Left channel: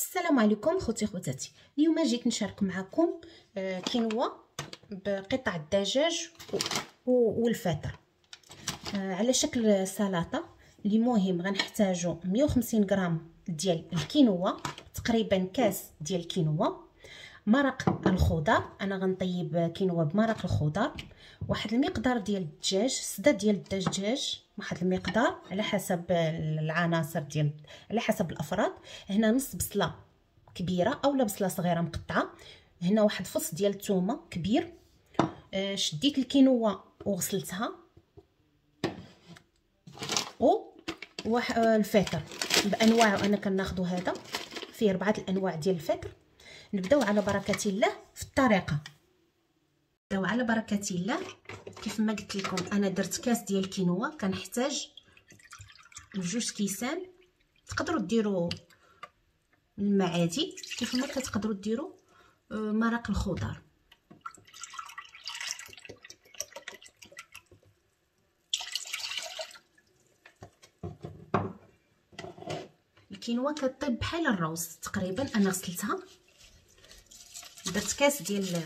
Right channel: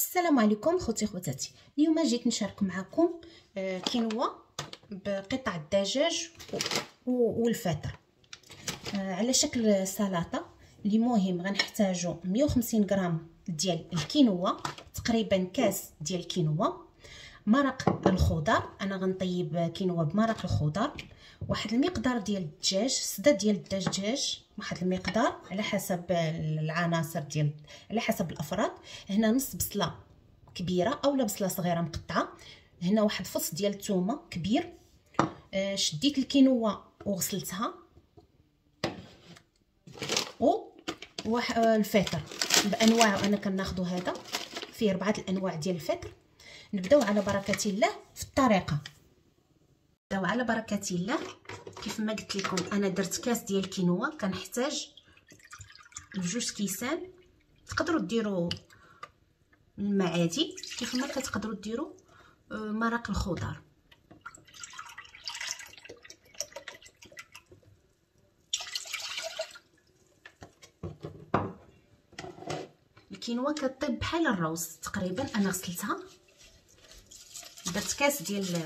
السلام عليكم خوتي خواتاتي. اليوم جيت نشارك معكم كينوا بقطع الدجاج والفطر على شكل سلطه. اللي مهم غنحتاجو 150 غرام ديال الكينوا، تقريبا كاس ديال الكينوا، مرق الخضر. انا غنطيب كينوا بمرق الخضر، واحد المقدار ديال الدجاج، سده ديال الدجاج، واحد المقدار على حسب العناصر ديال على حسب الافراد. هنا نص بصله كبيره اولا بصله صغيره مقطعه. هنا واحد فص ديال الثومه كبير. شديت الكينوا وغسلتها، الفطر بانواعه. انا كناخذوا هذا فيه 4 الانواع ديال الفطر. نبداو على بركه الله في الطريقه. نبداو على بركه الله. كيف ما قلت لكم انا درت كاس ديال الكينوا، كنحتاج 2 كيسان. تقدروا ديروا الماء عادي، كيف ما كتقدروا ديروا مرق الخضر. الكينوا كطيب بحال الروز تقريبا. انا غسلتها، درت كاس ديال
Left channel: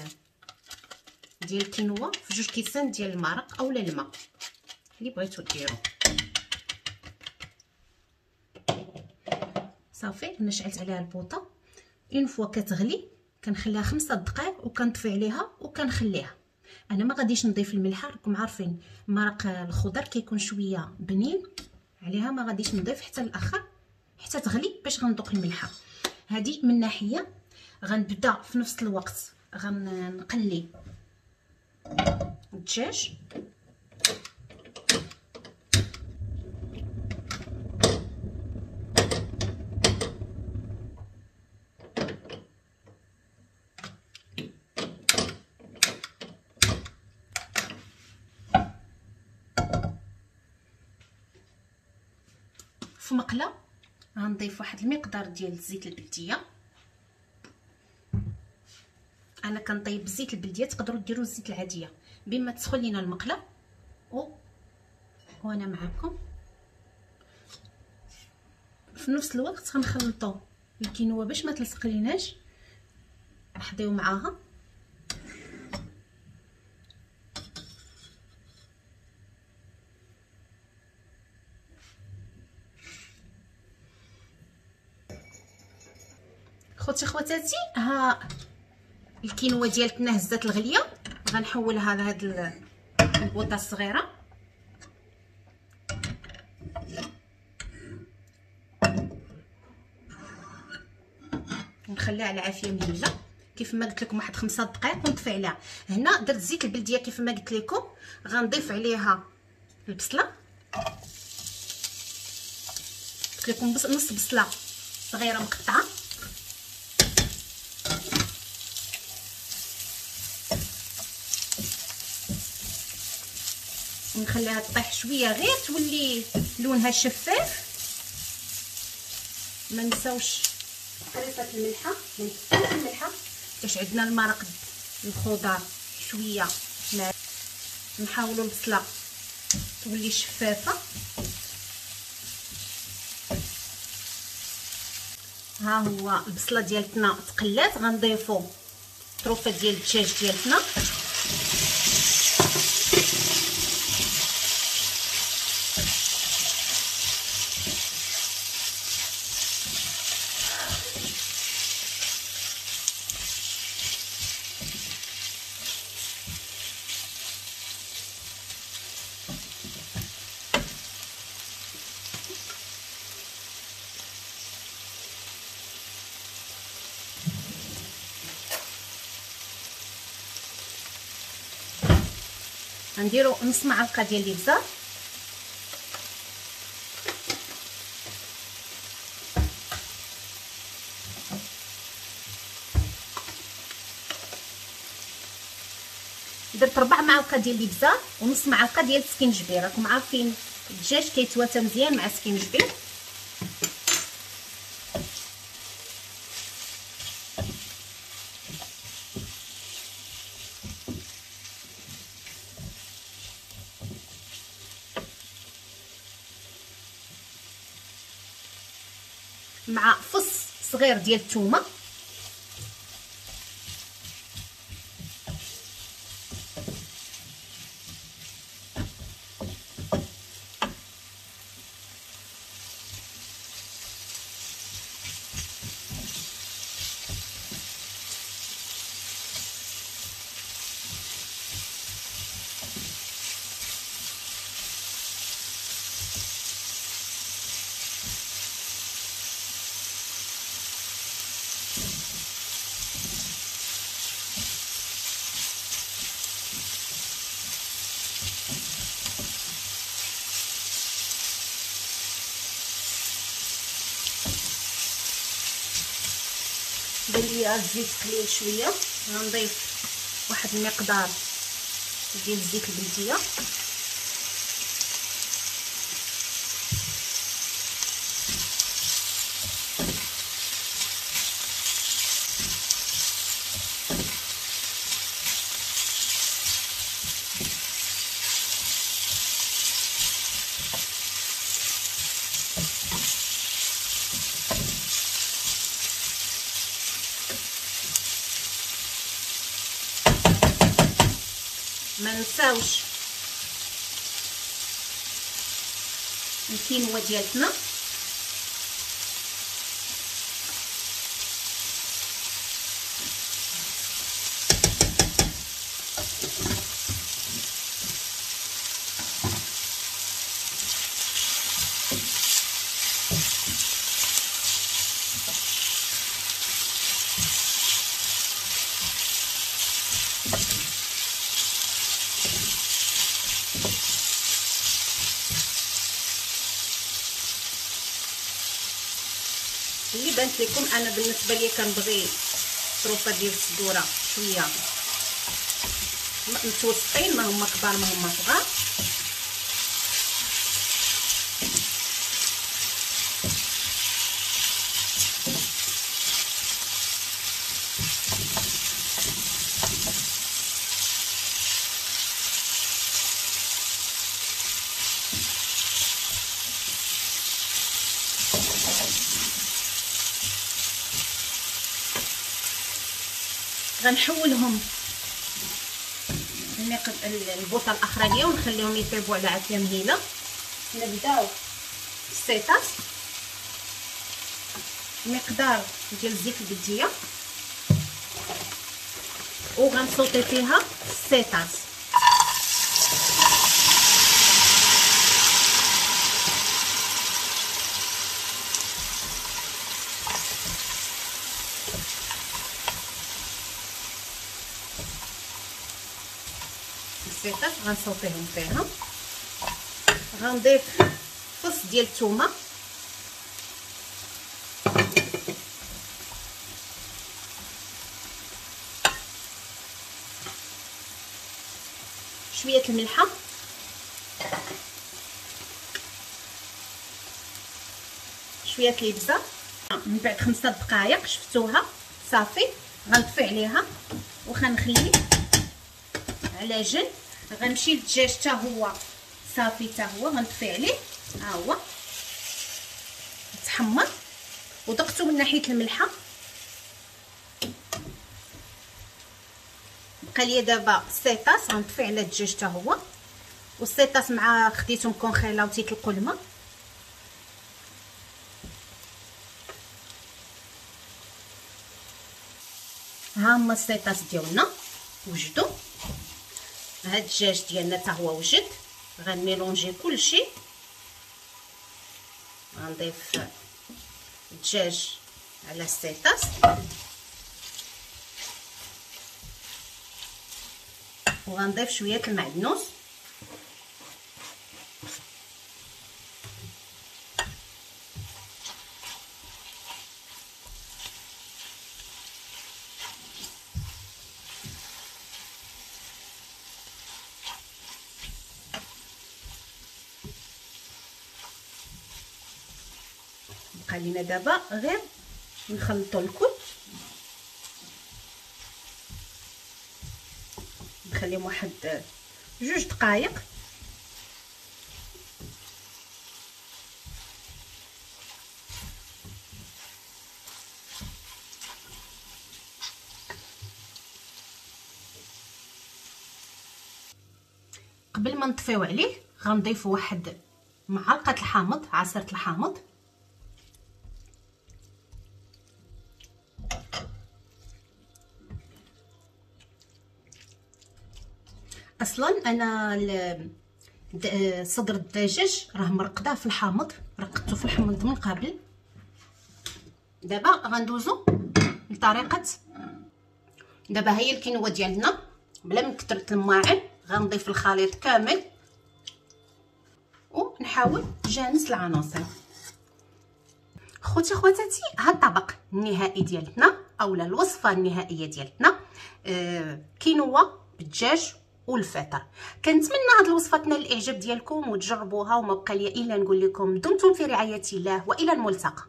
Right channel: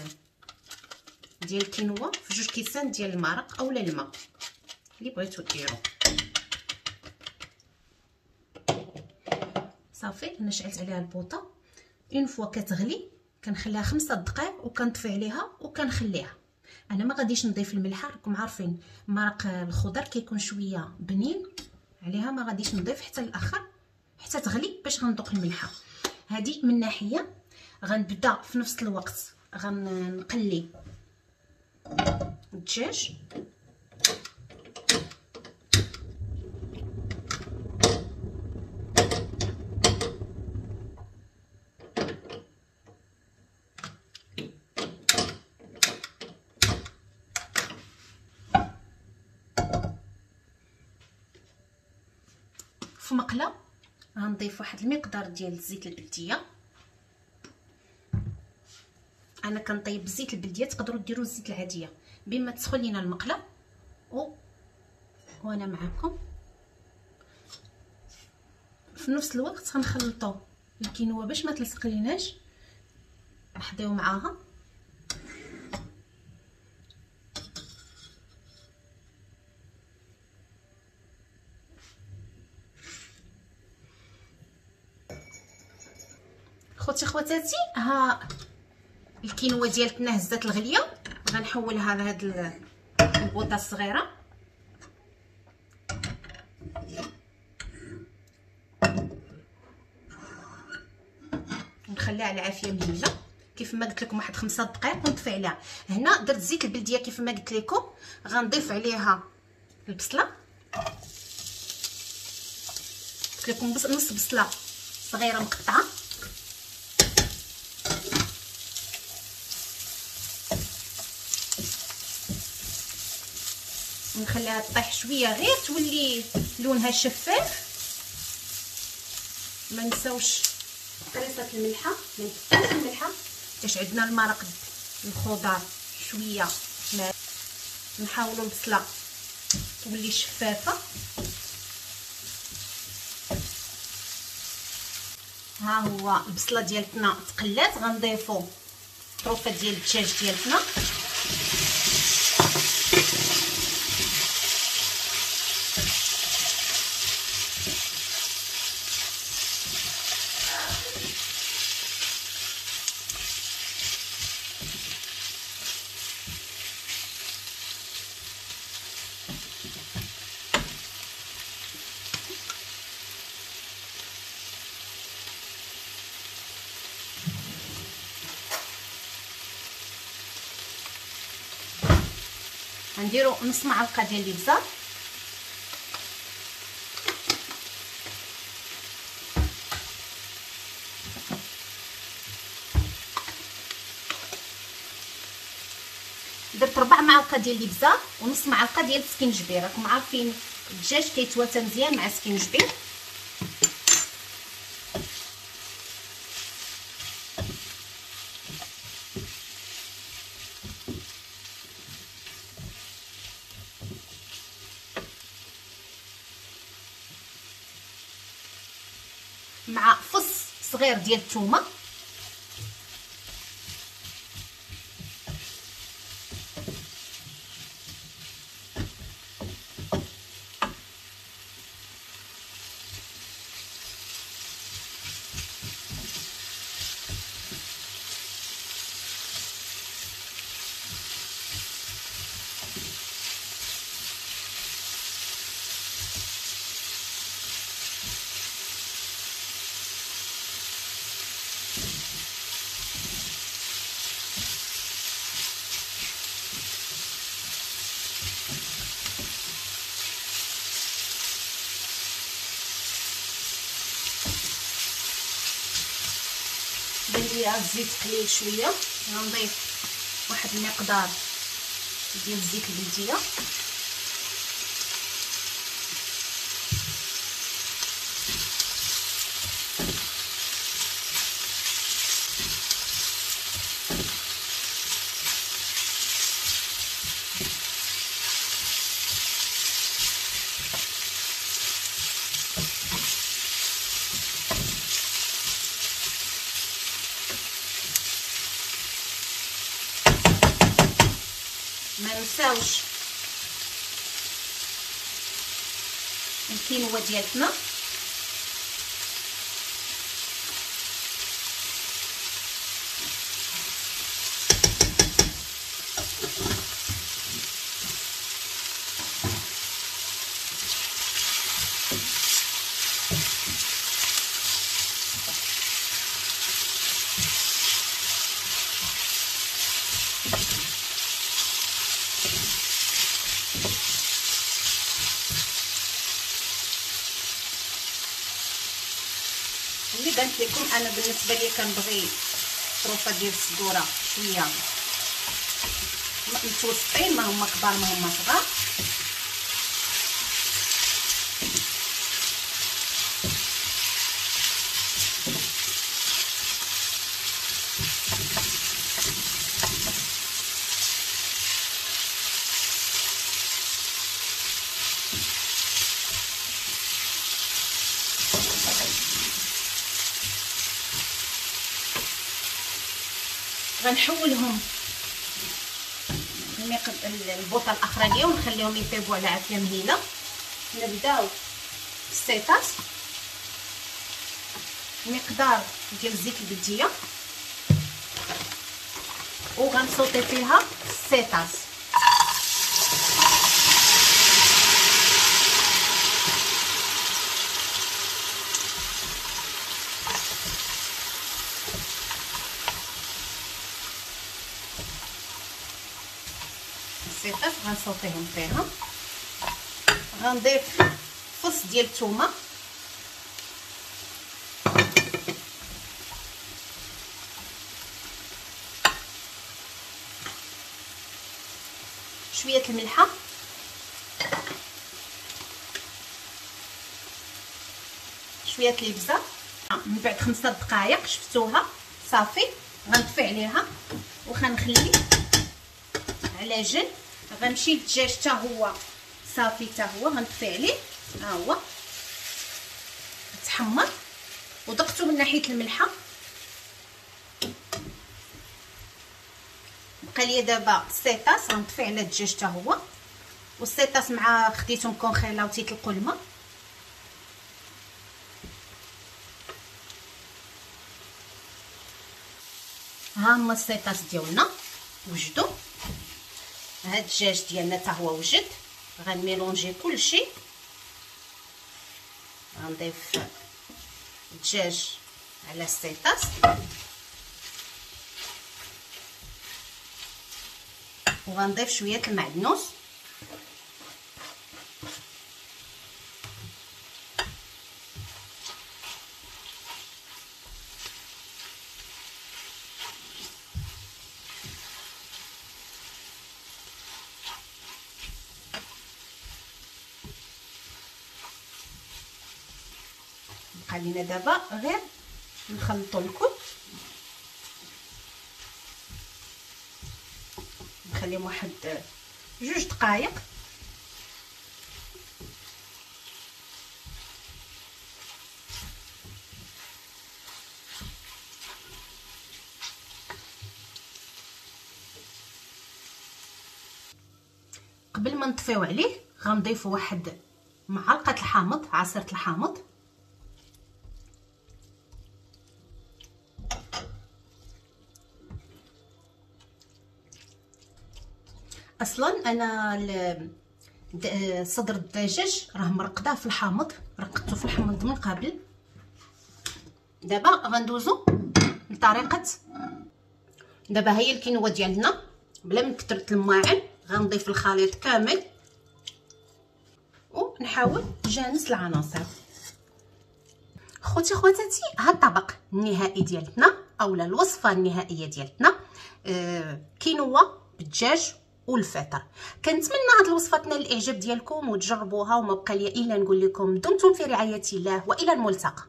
الكينوا في 2 كيسان ديال المرق اولا الماء اللي بغيتو ديروا. صافي انا شعلت عليها البوطه. اون فوا كتغلي كنخليها 5 دقائق وكنطفي عليها وكنخليها. انا ما غاديش نضيف الملح، راكم عارفين مرق الخضر كيكون شويه بنين عليها، ما غاديش نضيف حتى الاخر حتى تغلي باش غندوق الملحه. هذه من ناحيه. غنبدا في نفس الوقت غنقلي الدجاج. في مقله غنضيف واحد المقدار ديال الزيت البلديه. انا كنطيب بالزيت البلديه، تقدروا ديروا الزيت العاديه بما تسخن لينا المقله. وانا معكم في نفس الوقت غنخلطوا الكينوا باش ما تلصق ليناش. نحضيو معاها خوتي خواتاتي. ها الكينوا ديالتنا هزات الغليه، غنحولها لهاد البوطه الصغيره. نخليها على عافيه مهيله كيف ما قلت لكم، واحد 5 دقائق ونطفي عليها. هنا درت زيت البلديه كيف ما قلت لكم. غنضيف عليها البصله، قلت لكم نص بصله صغيره مقطعه. نخليها تطيح شويه غير تولي لونها شفاف. ما نساوش قريصه الملحه، ما نكثرش الملحه باش عندنا المرق الخضر شويه. نحاولوا البصله تولي شفافه. ها هو البصله ديالتنا تقلات. غنضيفوا طروفه ديال الدجاج ديالتنا. غنديروا نص معلقه ديال الابزار. درت 4 معالق ديال الابزار ونص معلقه ديال السكينجبير. راكم عارفين الدجاج كيتواتى مزيان مع السكينجبير. مع فص صغير ديال الثومه، بان ليا الزيت قليل شويه، غنضيف واحد المقدار ديال الزيت البلديه، ما نساوش الكينوا ديالتنا، اللي بانت لكم. انا بالنسبه لي كنبغي طروفه ديال الصدوره شويه متوسطين، ما هما كبار ما هما صغار. غنحولهم البوطه الاخرانيه ونخليهم يطيبوا على عافيه مهيله. نبداو السيطاس، مقدار ديال الزيت البلديه، وغنصوتي فيها السيطاس. السيطاس غنصوتيهم فيها. غنضيف فص ديال الثومه، شويه الملحه، شويه الابزه. من بعد 5 دقائق شفتوها صافي، غنطفي عليها وغنخلي على جنب. غنمشي للدجاج حتى هو صافي، حتى هو غنطفي عليه، ها هو تحمر ودقته من ناحيه الملحه. بقى لي دابا السيطاس، غنطفي على الدجاج حتى هو، والسيطاس مع خديته مكونخيله وتيطلقوا الماء. ها هما السيطاس ديالنا وجدوا. هاد الدجاج ديالنا حتى هو وجد. غنميلونجي كلشي، غنضيف الدجاج على السيطاس، وغنضيف شويه المعدنوس، بقى لينا دابا غير نخلطوا الكل، نخليهم واحد 2 دقائق. قبل ما نطفيو عليه غنضيف واحد معلقه الحامض، عصير الحامض. اصلا انا صدر الدجاج راه مرقداه في الحامض، رقدته في الحامض من قبل. دابا غندوزو لطريقه. دابا هي الكينوا ديالنا بلا من كثره الماعن، غنضيف الخليط كامل ونحاول نجانس العناصر. خوتي خواتاتي، ها الطبق النهائي ديالتنا اولا الوصفه النهائيه ديالتنا كينوا بالدجاج والفطر. كنتمنى هاد الوصفه تنال الاعجاب ديالكم وتجربوها، وما بقى لي الا نقول لكم دمتم في رعايه الله والى الملتقى.